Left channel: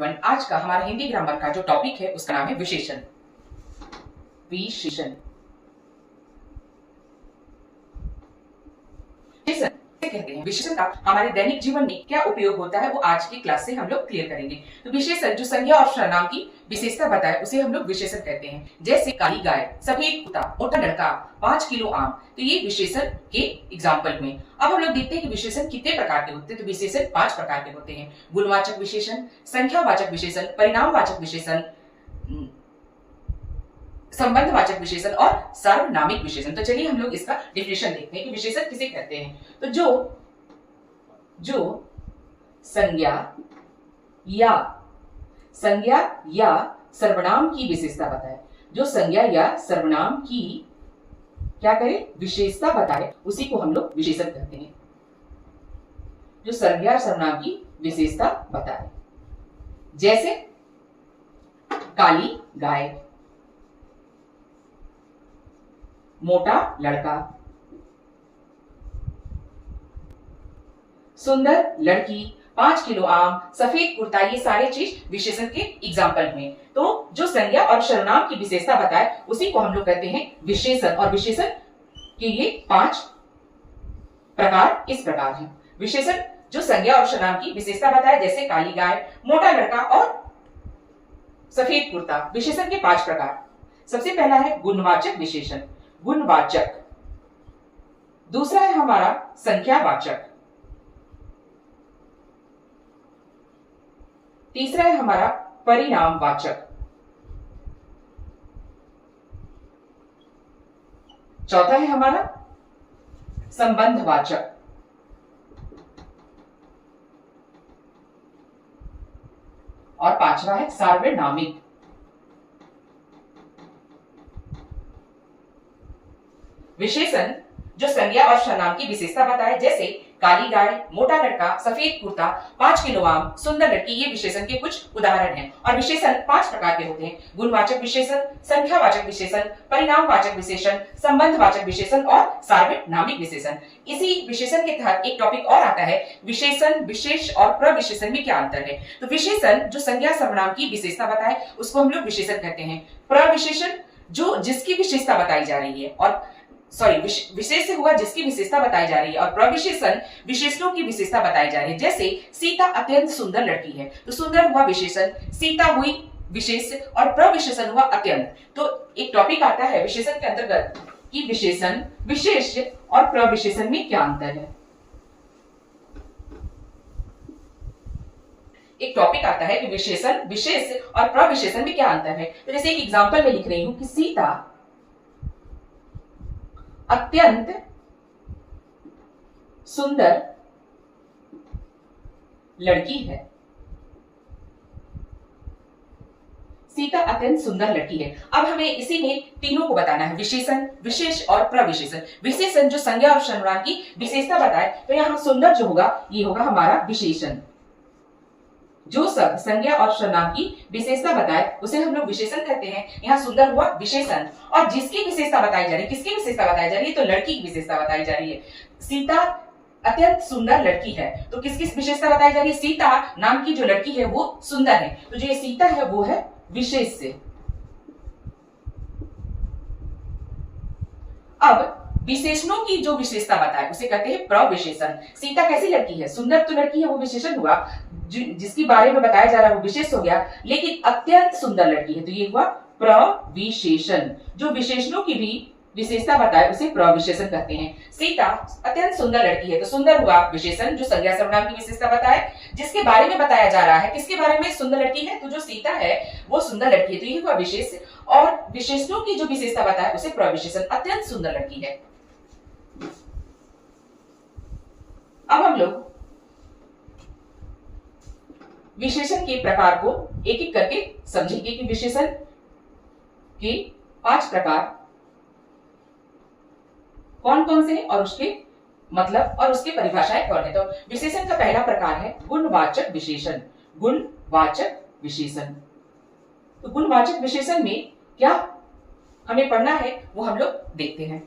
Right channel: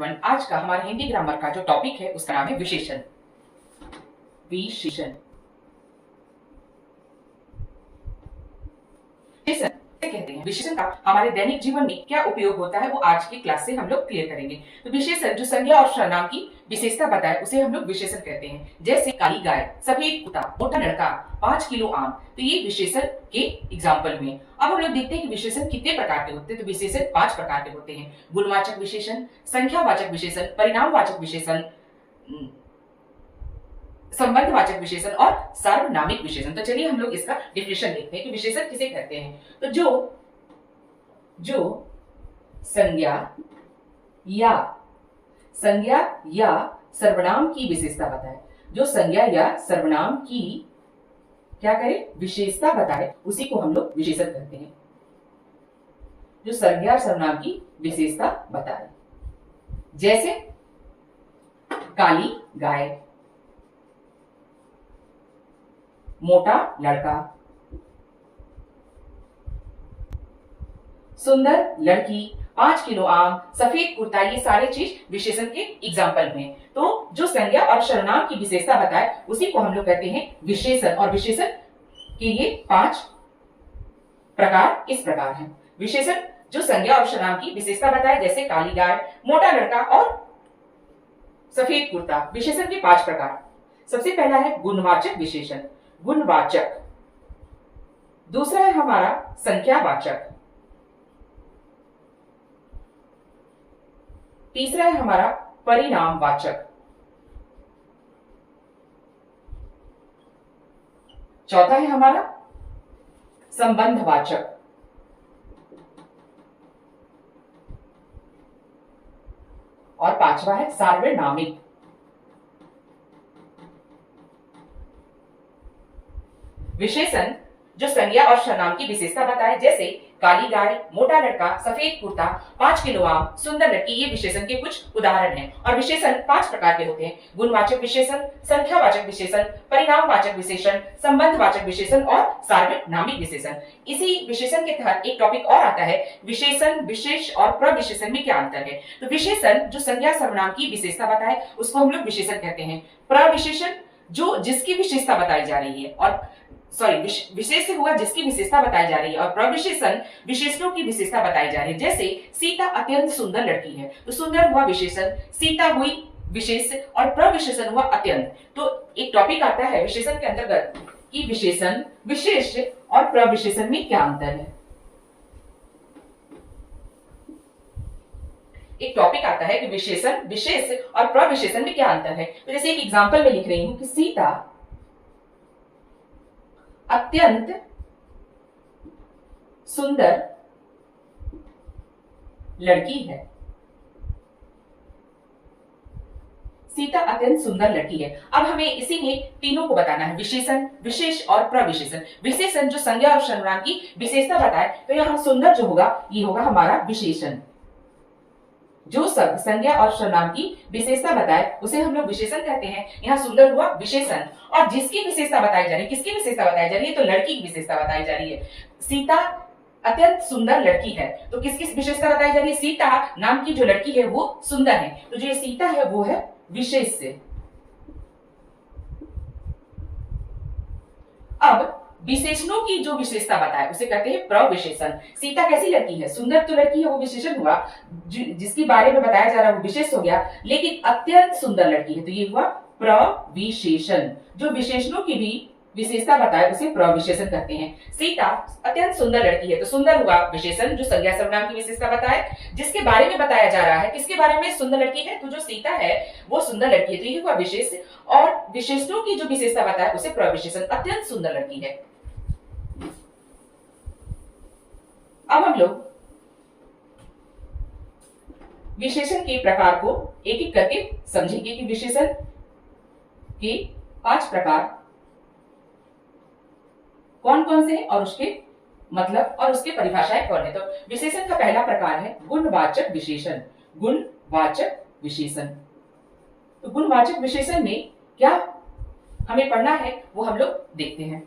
Everyone, आज का हमारा हिंदी ग्रामर का जो टॉपिक है उसका नाम है विशेषण। विशेषण विशेषण कहते हैं। विशेषण का हमारे दैनिक जीवन में क्या उपयोग होता है वो आज की क्लास से हम लोग क्लियर करेंगे। तो विशेषण जो संज्ञा और सर्वनाम की विशेषता बताए उसे हम लोग विशेषण कहते हैं। जैसे काली गाय, सफेद कुत्ता, मोटा लड़का, 5 किलो आम, तो ये विशेषण के एग्जाम्पल हुए। अब हम लोग देखते हैं कि विशेषण कितने प्रकार के होते हैं। तो विशेषण 5 प्रकार के होते हैं। गुणवाचक विशेषण, संख्यावाचक विशेषण, परिणामवाचक विशेषण, संबंधवाचक विशेषण और सार्वनामिक विशेषण। तो चलिए हम लोग इसका डिफिनेशन देखते हैं कि विशेषण किसे कहते हैं। तो जो संज्ञा या सर्वनाम की विशेषता बताए, जो संज्ञा या सर्वनाम की क्या करे विशेषता बताए, उसी को हम लोग विशेषण कहते हैं। जो संज्ञा और सर्वनाम की विशेषता बताए, जैसे काली गाय, मोटा लड़का, सुंदर लड़की, 5 किलो आम, सफेद कुर्ता, ये सारे चीज विशेषण के एग्जाम्पल हैं। तो जो संज्ञा और सर्वनाम की विशेषता बताए उसी को हम लोग कहते हैं विशेषण। और विशेषण के ये 5 प्रकार इस प्रकार हैं। विशेषण जो संज्ञा और सर्वनाम की विशेषता बताए, जैसे काली गाय, मोटा लड़का और सफेद कुर्ता, विशेषण के 5 प्रकार। सबसे पहला है गुणवाचक विशेषण, गुणवाचक। दूसरा है हमारा संख्यावाचक। तीसरा है हमारा परिणामवाचक। चौथा है हमारा संबंधवाचक। और 5वां है सार्वनामिक। विशेषण जो संज्ञा और सर्वनाम की विशेषता बताए, जैसे काली गाय, मोटा लड़का, सफेद कुर्ता, 5 किलो आम, सुंदर लड़की, ये विशेषण के कुछ उदाहरण हैं। और विशेषण 5 प्रकार के होते हैं। गुणवाचक विशेषण, संख्यावाचक विशेषण, परिणामवाचक विशेषण, संबंधवाचक विशेषण और सार्वनामिक विशेषण। इसी विशेषण के तहत एक टॉपिक और आता है, विशेषण, विशेष और प्रविशेषण में क्या अंतर है। तो विशेषण जो संज्ञा सर्वनाम की विशेषता बताए उसको हम लोग विशेषण कहते हैं। प्रविशेषण जो जिसकी विशेषता बताई जा रही है, और विशेष से हुआ जिसकी विशेषता बताई जा रही है, और प्रविशेषण विशेषणों की विशेषता बताई जा रही है। जैसे सीता अत्यंत सुंदर लड़की है, तो सुंदर हुआ विशेषण, सीता हुई विशेष और प्रविशेषण हुआ अत्यंत। तो एक टॉपिक आता है विशेषण के अंतर्गत कि विशेषण, विशेष और प्रविशेषण में क्या अंतर है। एक टॉपिक आता है कि विशेषण, विशेष और प्रविशेषण में क्या अंतर है। तो जैसे एक एग्जांपल में लिख रही हूं कि सीता अत्यंत सुंदर लड़की है। सीता अत्यंत सुंदर लड़की है। अब हमें इसी में तीनों को बताना है, विशेषण, विशेष और प्रविशेषण। विशेषण जो संज्ञा और सर्वनाम की विशेषता बताए, तो यहां सुंदर जो होगा ये होगा हमारा विशेषण। जो सब संज्ञा और सर्वनाम की विशेषता बताए उसे हम लोग विशेषण कहते हैं। यहाँ सुंदर हुआ विशेषण। और जिसकी विशेषता बताई जा रही है, किसकी विशेषता बताई जा रही है, तो लड़की की विशेषता बताई जा रही है। सीता अत्यंत सुंदर लड़की है, तो किसकी विशेषता बताई जा रही है, सीता नाम की जो लड़की है वो सुंदर है, तो जो ये सीता है वो है विशेष से। अब विशेषणों की जो विशेषता बताए उसे कहते हैं प्रविशेषण। सीता कैसी लड़की है, सुंदर तो लड़की है, वो विशेषण हुआ। जिसके बारे में बताया जा रहा है वो विशेष हो गया, लेकिन अत्यंत सुंदर लड़की है, तो ये हुआ प्रविशेषण। जो विशेषणों की भी विशेषता बताए उसे प्रविशेषण कहते हैं। सीता अत्यंत सुंदर लड़की है, तो सुंदर हुआ विशेषण जो संज्ञा सर्वनाम की विशेषता बताए। जिसके बारे में बताया जा रहा है, किसके बारे में, सुंदर लड़की है, तो जो सीता है वो सुंदर लड़की है, तो ये हुआ विशेष। और विशेषणों की जो विशेषता बताए उसे प्रविशेषण, अत्यंत सुंदर लड़की है। अब हम लोग विशेषण के प्रकार को एक एक करके समझेंगे कि विशेषण के 5 प्रकार कौन कौन से हैं और उसके मतलब और उसके परिभाषाएं कौन है। तो विशेषण का पहला प्रकार है गुणवाचक विशेषण। गुणवाचक विशेषण, तो गुणवाचक विशेषण में क्या हमें पढ़ना है वो हम लोग देखते हैं।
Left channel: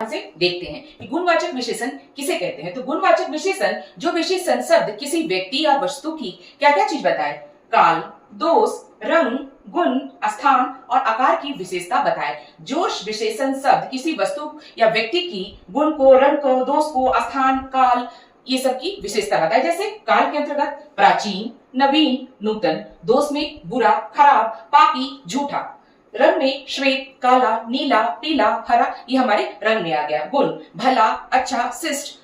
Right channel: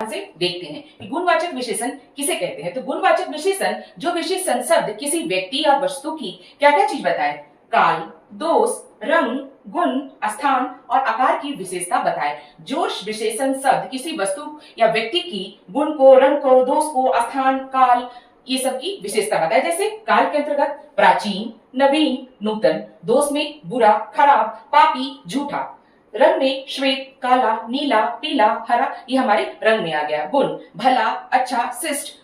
से देखते हैं कि गुणवाचक विशेषण किसे कहते हैं। तो गुणवाचक विशेषण जो विशेषण शब्द किसी व्यक्ति या वस्तु की क्या क्या चीज बताए, काल, दोष, रंग, गुण, स्थान और आकार की विशेषता बताए। जो विशेषण शब्द किसी वस्तु या व्यक्ति की गुण को, रंग को, दोष को, स्थान, काल ये सब की विशेषता बताए। जैसे काल के अंतर्गत प्राचीन, नवीन, नूतन, दोष में बुरा, खराब, पापी, झूठा, रंग में श्वेत, काला, नीला, पीला, हरा ये हमारे रंग में आ गया। गुण भला, अच्छा, शिष्ट,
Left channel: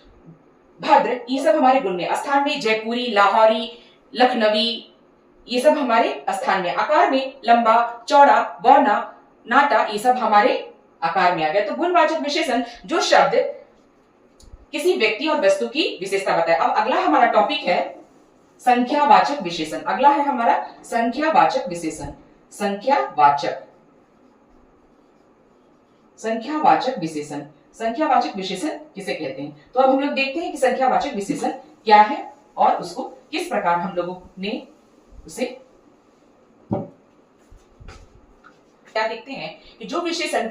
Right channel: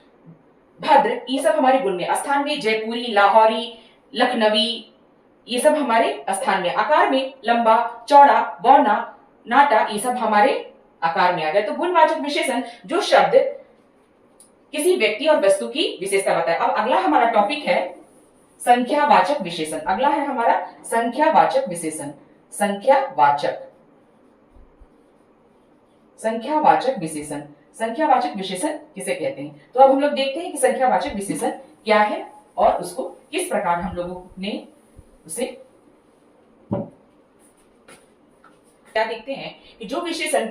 भद्र ये सब हमारे गुण में। स्थान में जयपुरी, लाहौरी, लखनवी ये सब हमारे स्थान में। आकार में लंबा, चौड़ा, बौना, नाटा ये सब हमारे आकार में आ गए। तो गुणवाचक विशेषण जो शब्द किसी व्यक्ति और वस्तु की विशेषता बताए। अब अगला हमारा टॉपिक है संख्यावाचक विशेषण। अगला है हमारा संख्यावाचक विशेषण। संख्यावाचक विशेषण, संख्यावाचक विशेषण किसे कहते हैं। तो अब हम लोग देखते हैं कि संख्यावाचक विशेषण क्या है और उसको किस प्रकार हम लोगों ने उसे क्या देखते हैं कि जो विशेषण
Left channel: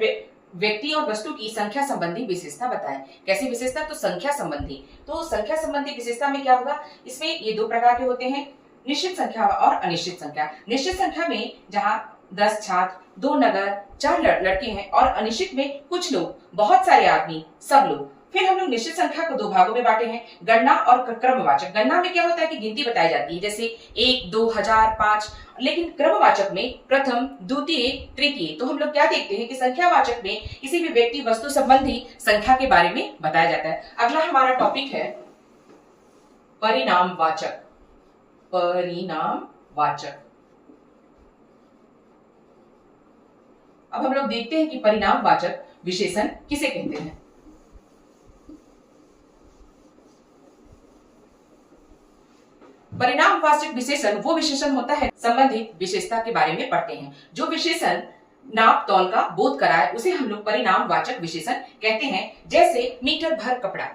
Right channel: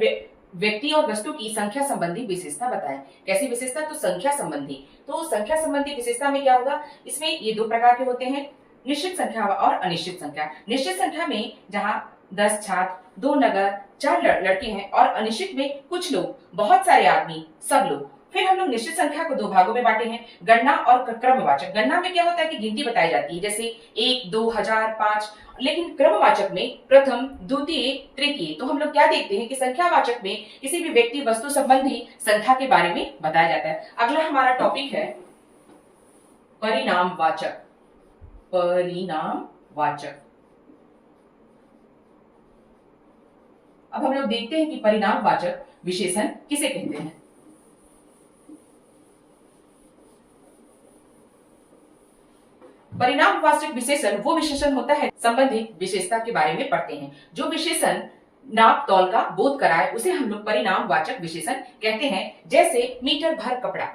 व्यक्ति और वस्तु की संख्या संबंधी विशेषता बताए। कैसी विशेषता, तो संख्या संबंधी। तो संख्या संबंधी विशेषता में क्या होगा, इसमें ये दो प्रकार के होते हैं, निश्चित संख्या और अनिश्चित संख्या। निश्चित संख्या में जहां 10 छात्र, 2 नगर, 4 लड़के हैं और अनिश्चित में कुछ लोग, बहुत सारे आदमी, सब लोग। फिर हम लोग निश्चित संख्या को दो भागों में बांटे हैं, गणना और क्रमवाचक। गणना में क्या होता है कि गिनती बताई जाती है, जैसे 1, 2, 1000, 5। लेकिन क्रमवाचक में प्रथम, द्वितीय, तृतीय। तो हम लोग क्या देखते हैं कि संख्यावाचक में किसी भी व्यक्ति वस्तु संबंधी संख्या के बारे में बताया जाता है। अगला हमारा टॉपिक है परिणामवाचक। परिणामवाचक। अब हम लोग देखते हैं कि परिणामवाचक विशेषण किसे कहते हैं। परिणामवाचक विशेषण वो विशेषण होता है संबंधित विशेषता के बारे में पढ़ते हैं। जो विशेषण नाप तौल का बोध कराए उसे हम लोग परिणामवाचक विशेषण कहते हैं। जैसे मीटर भर कपड़ा।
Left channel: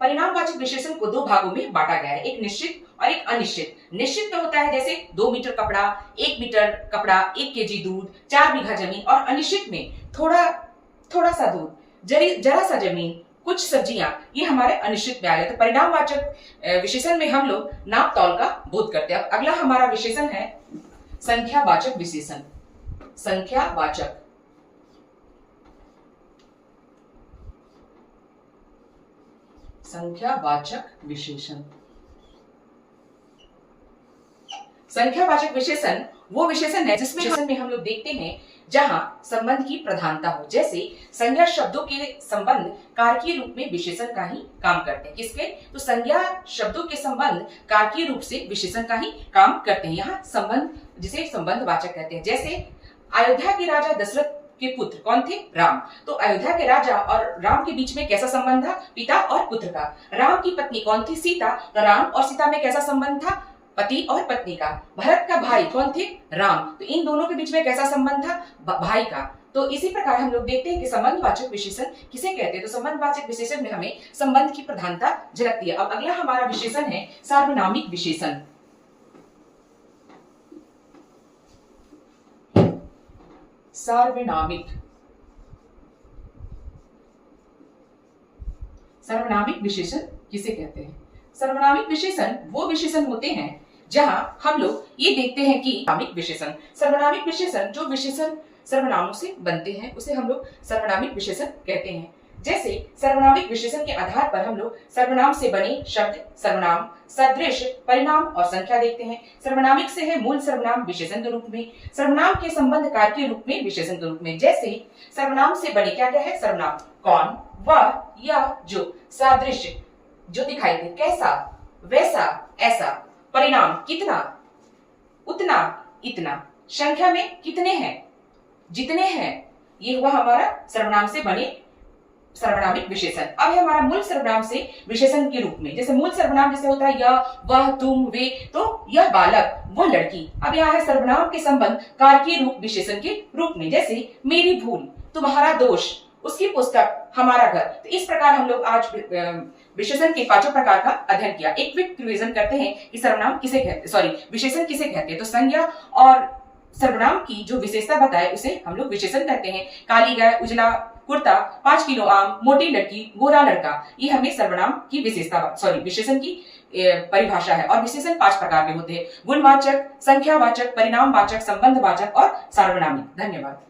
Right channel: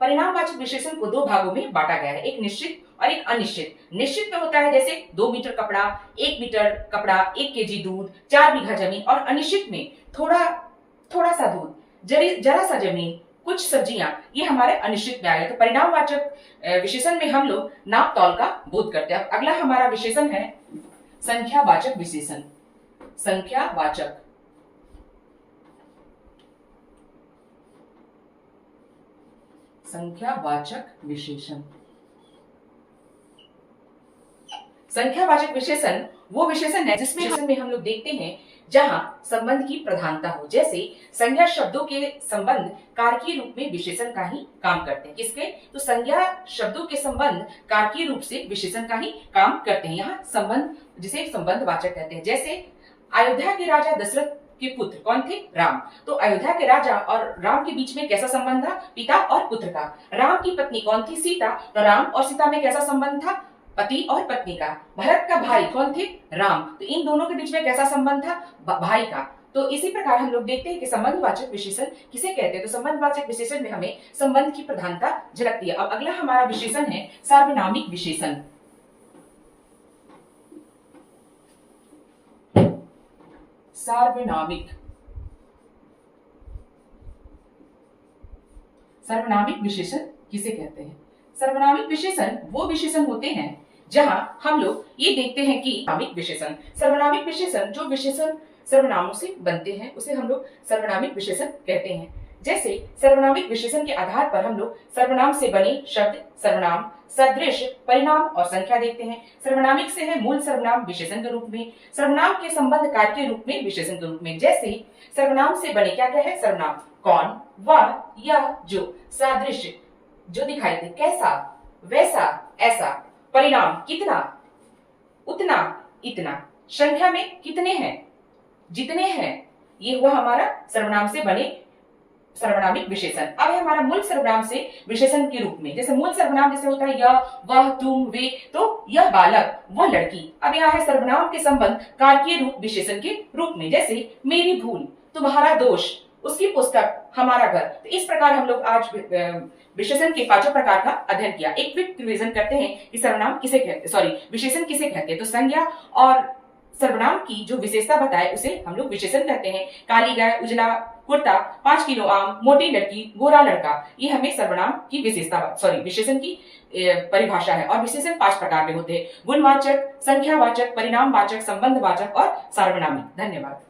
परिणामवाचक विशेषण को दो भागों में बांटा गया है, एक निश्चित और एक अनिश्चित। निश्चित में होता है जैसे 2 मीटर कपड़ा, 1 मीटर कपड़ा, 1 केजी दूध, 4 बीघा जमीन। और अनिश्चित में थोड़ा सा दूध, जरा सा जमीन, कुछ सब्जियां, ये हमारे अनिश्चित में आ गए। तो परिणामवाचक विशेषण में हम लोग नाप तौल का बोध करते हैं। अगला हमारा विशेषण है संख्यावाचक विशेषण। संख्यावाचक। संख्यावाचक विशेषण। संख्यावाचक विशेषण वो विशेषण है जिसमें हम लोग देखते हैं जहां संबंध की प्रधानता हो। जैसे संज्ञा शब्दों के संबंध कारकीय रूप में विशेषण का ही काम करते हैं। किसके, तो संज्ञा शब्दों के संबंध कारकीय रूप से विशेषण का ही काम करते हैं। यहाँ संबंध जिसे संबंधवाचक कहते हैं। जैसे अयोध्या के राजा दशरथ के पुत्र कौन थे, राम। तो अयोध्या के राजा और राम के बीच में कैसा संबंध था, पिता और पुत्र का। राम की पत्नी कौन थी, सीता। तो राम और सीता में कैसा संबंध था, पति और पत्नी का। भरत का भाई कौन थे, राम। तो इन दोनों के बीच में कैसा संबंध था, भाई का। तो इसी प्रकार हम लोग देखते हैं कि संबंधवाचक विशेषण किसे कहते हैं। तो संबंधवाचक विशेषण में हमें संबंध की प्रधानता झलकती है। अब अगला हमारा विशेषण है सार्वनामिक विशेषण। सार्वनामिक। सर्वनामिक विशेषण किसे कहते हैं। सर्वनामिक विशेषण वो विशेषण होते हैं जहां हम लोग ये देखते हैं कि नामिक विशेषण, सर्वनामिक विशेषण जो विशेषण सर्वनामों से बनते हैं उसे हम लोग सर्वनामिक विशेषण कहते हैं। जैसे सर्वनामिक विशेषण के आधार पर हम लोग सर्वनाम से बने शब्द, सर्वनाम, सदृश, परिणाम और संख्या देखते हैं। सर्वनामिक से है मूल सर्वनाम विशेषण के रूप में, सर्वनाम के संबंध कार्य के रूप में विशेषण के रूप में। जैसे सर्वनाम से बने क्या क्या है, सर्वनाम कौन, वह, यह, जो। सादृश्य जो दिखाई दे, कैसा, वैसा, ऐसा। परिणाम कितना, उतना, इतना। संख्या में कितने हैं, जितने हैं। ये हुआ हमारा सर्वनाम से बने सर्वनामिक विशेषण। अब है हमारा मूल सर्वनाम से विशेषण के रूप में। जैसे मूल सर्वनाम जैसे होता है यह, वह, तुम, वे। तो यह बालक, वह लड़की। अब यहाँ है सर्वनाम के संबंध कारकीय रूप विशेषण के रूप में। जैसे मेरी भूल, तुम्हारा दोष, उसकी पुस्तक, हमारा घर। तो इस प्रकार हम लोग आज विशेषण के 5 प्रकार का अध्ययन किया। एक क्विक रिवीजन करते हैं कि सर्वनाम किसे कहते, सॉरी विशेषण किसे कहते हैं। तो संज्ञा और सर्वनाम की जो विशेषता बताए उसे हम लोग विशेषण कहते हैं। काली गाय, उजला कुर्ता, 5 किलो आम, मोटी लड़की, गोरा लड़का, ये हमें सर्वनाम की विशेषण की परिभाषा है। और विशेषण 5 प्रकार के होते हैं: गुणवाचक, संख्यावाचक, परिणामवाचक, संबंधवाचक और सार्वनामिक। धन्यवाद।